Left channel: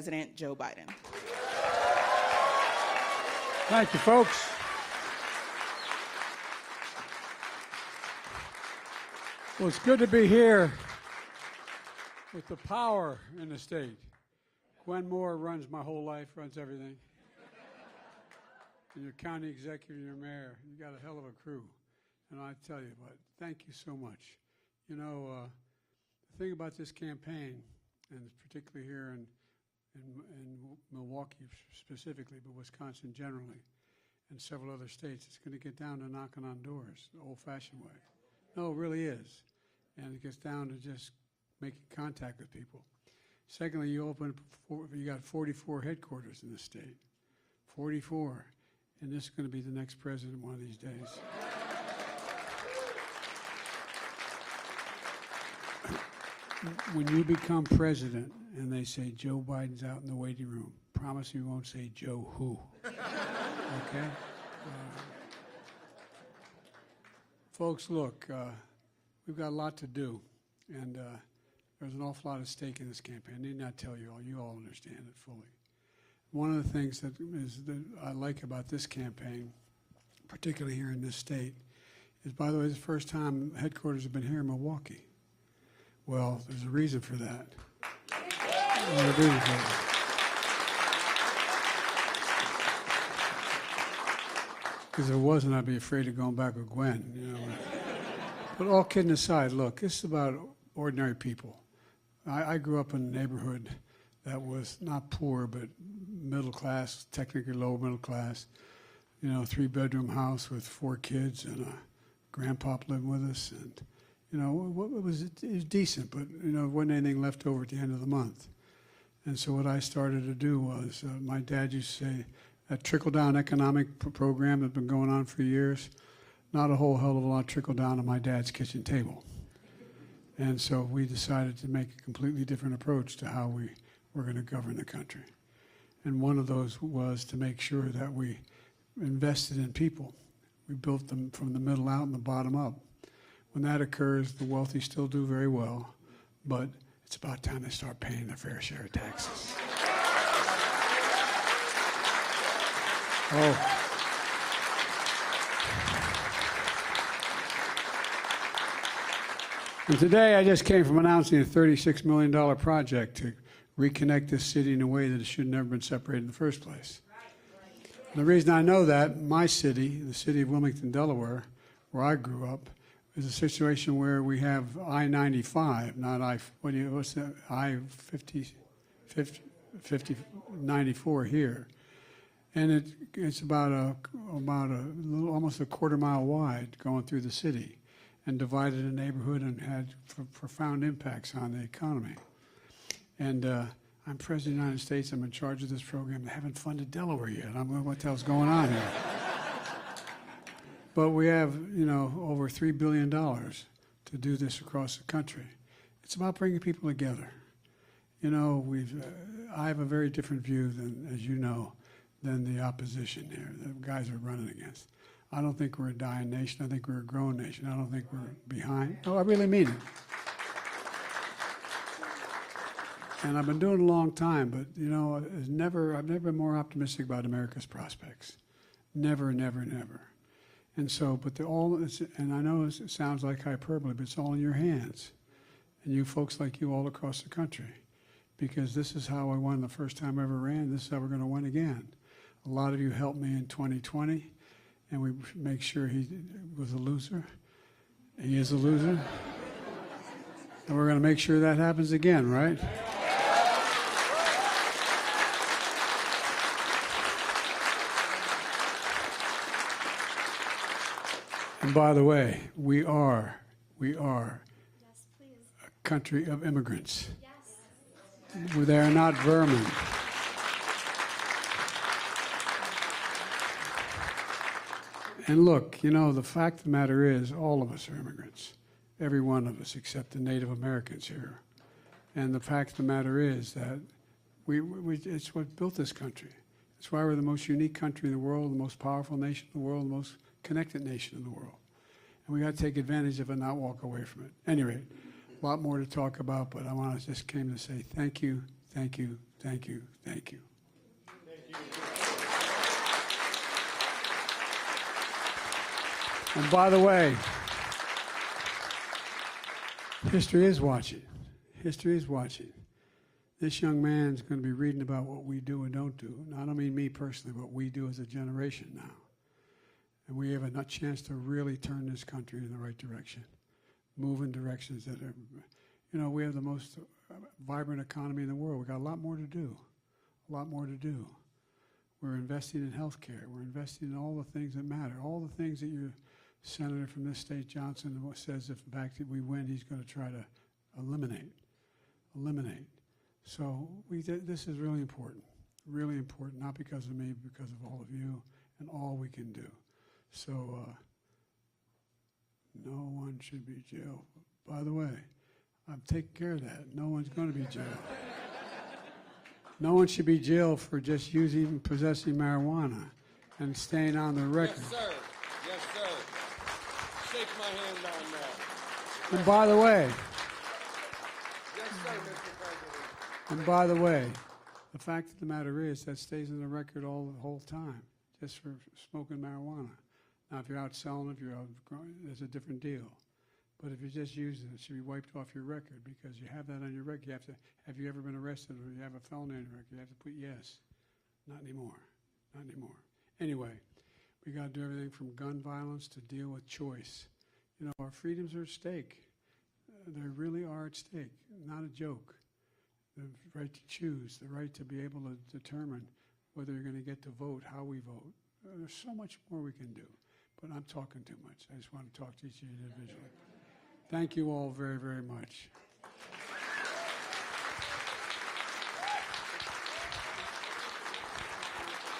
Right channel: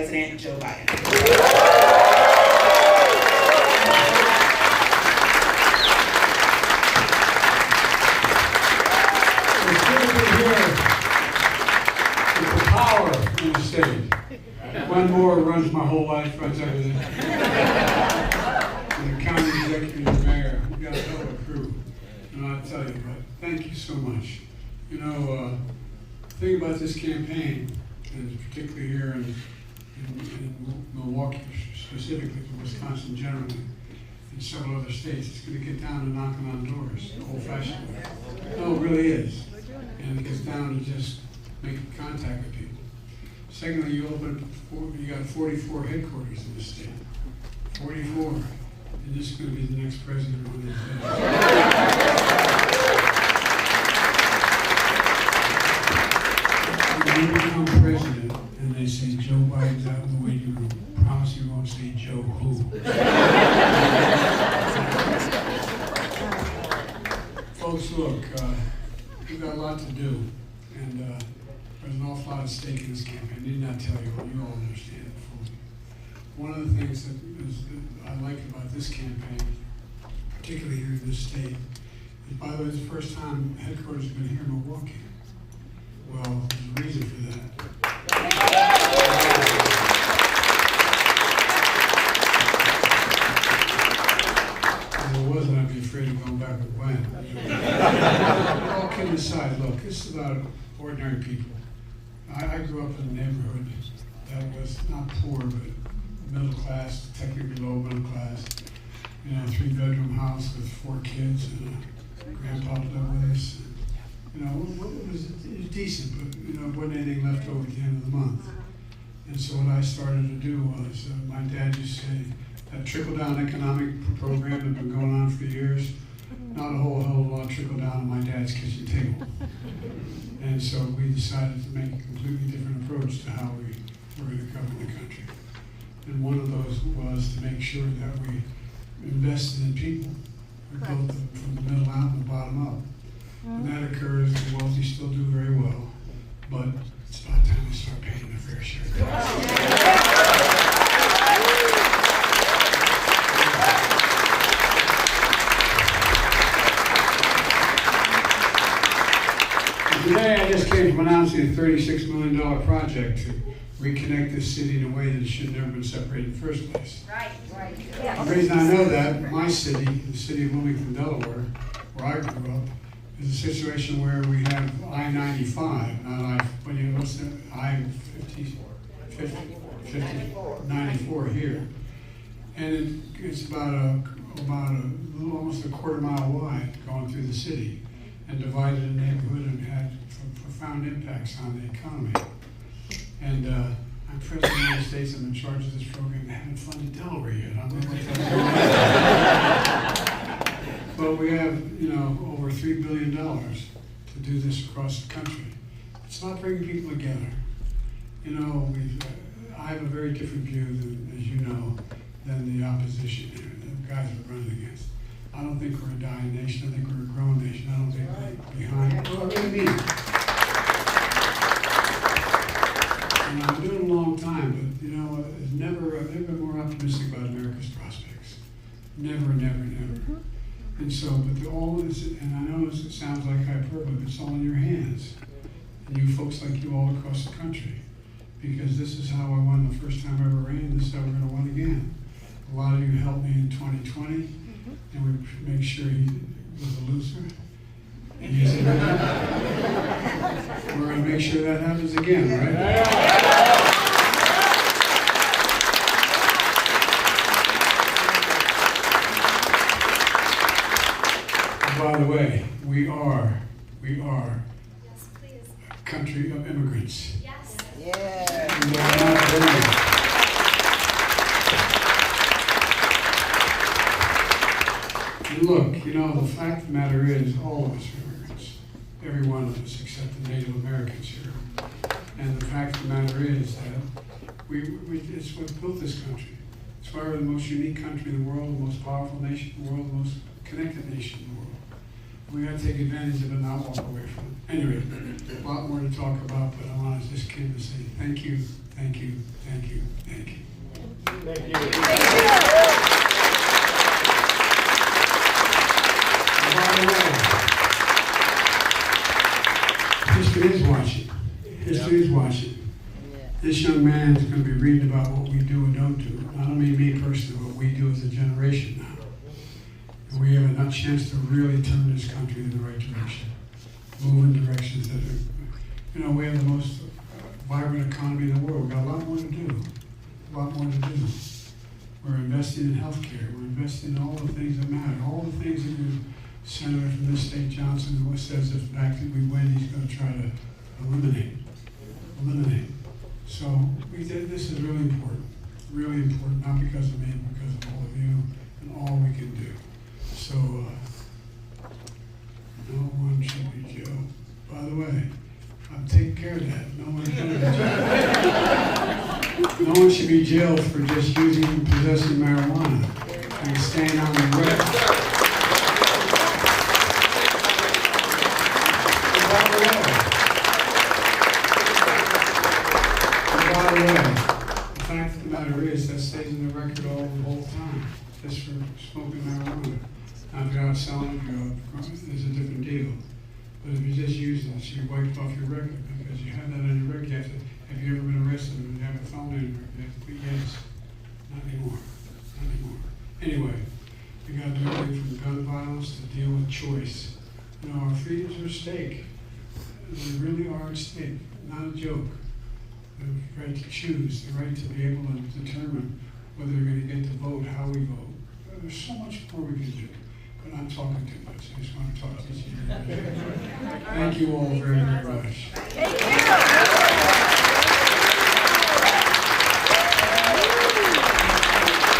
President Joe Biden. It's good to be here with the power in the state. One more runs my whole life, runs everything. And the county executive, the mayor, we got a hell of a crew. And I'll tell you, but thank you so much. You know, the thing about this campaign, and particularly here in Milwaukee, specifically, Wisconsin generally, and several other states, it's going to get down to knocking on doors, old-fashioned way. No, it really is. And it gets down to just making contact with people. Secondly, you got 44 headquarters in the state. 44. And this is going to be the next president on these days. When you become president and they say Joe Biden's out in the waiting room, promise you won't say Joe who. Folks, look, we've got a lot to do, and there's an awful lot at stake in this campaign. I need not tell you, you all understand it fully. One of the things that I like about this campaign, particularly here in this state, is, by the way, it's the first time headquarters have been here in Milwaukee. Well, there's a reason for that. If it wasn't, I'd be afraid of going back with Gwen. But all kidding aside, look, this is about ordinary people. I grew up in a neighborhood that was not poor, but middle class, technically low middle class. You know, 3-bedroom house with 4 kids, and a grandpa lived with us. You know, it was decent, but you know, it wasn't anything left over at the end of the month. And so what I started to do was, my dad used to say, that trickle-down economic program had been going on for years. Not a whole hell of a lot trickled down on my dad's kitchen table. And so we decided to make a completely different approach to how we were going to govern the country. And one of those was to make sure that we invested in people. We built them from the middle out and the bottom up. And that occurs, the wealthy still do very well, but it's about time they start paying their fair share of taxes. And today I just came from announcing a $36 million project to reconnect this city in a way that it should have never been separated in the first place. Right. The reason I know that, my city, the city of Wilmington, Delaware, where I grew up, is a situation where we have I-95, not what's that, I-94 here. And it's about almost a quarter mile wide going through the city and divided a neighborhood and had profound impacts on the economy. And I'm President of the United States, I'm in charge of this program. I haven't funded Delaware yet. I'm going to tell you. But we have, you know, over $3 billion to do this across the country. It's about bringing people together. You know, I have a very different view than, as you know, than the opposition here, the guys are running against. I don't think we're a dying nation. I think we're a growing nation. I don't think we're behind. Well, I really mean it. And I've been doing it a long time, but you know, I've never been more optimistic about America's prospects. Never. And so, but all of this, and I know it sounds like hyperbole, but it's all in your hands. And you folks like you all across the country. Because this is how I won the first time I ever ran, this is how we're going to win again. A lot of you helped me in 2020, and we make sure he was a loser. And he is a winner. We're going to make sure that happens again, right? And by the way, we are a country of immigrants. And they are not brilliant. And look, you know, the fact of the matter is, all of us are immigrants. Every one of us, except the Native Americans here. And the fact of the matter is that it's what built this country. It's why we're the most unique country in the world, the most powerful nation in the world, the most connected nation in the world. And we got to take advantage of it and not walk away from it. Anyway, a lot more to talk about, but I just came to say thank you Thank you, thank you, thank you. Thank you. And by the way, history is watching. History is watching. This young man is going to be reading about what we do and don't do. I don't mean me personally, what we do as a generation now. And we have a chance to really turn this country in the right direction. Move in directions that are, we have the most vibrant economy in the world. We've got a lot more to do. A lot more to do. We're investing in healthcare. We're investing in all the things that matter. All the things that the senator from this state, Johnson, who says if back that we win, he's going to try to eliminate. So this is really important, not because of me, but because of all of you and all we can do. So no one should be jailed. By the way, I'm taking care of that. No one's going to be jailed. No one should be jailed for just using and possessing marijuana and staying on the record. And by the way, the fact of the matter is that stays in the record all the whole time, just for smoking marijuana. Now, if you're out selling it, there's a different deal. But if you're just using it, so you wiped off your record because you have that on your record. Have you ever been arrested? Or you have a felony on your record? You have to put yes. Not anymore. Anyway, we got to do everything from gun violence to deal with choice. Our freedoms are at stake. They really are at stake. Not a joke. The right to choose, the right to be able to determine whether you're going to get to vote, how we vote. There's so much more we can do, but I'm talking too much. I just want to talk to you. Thank you all very, very much. Thank you.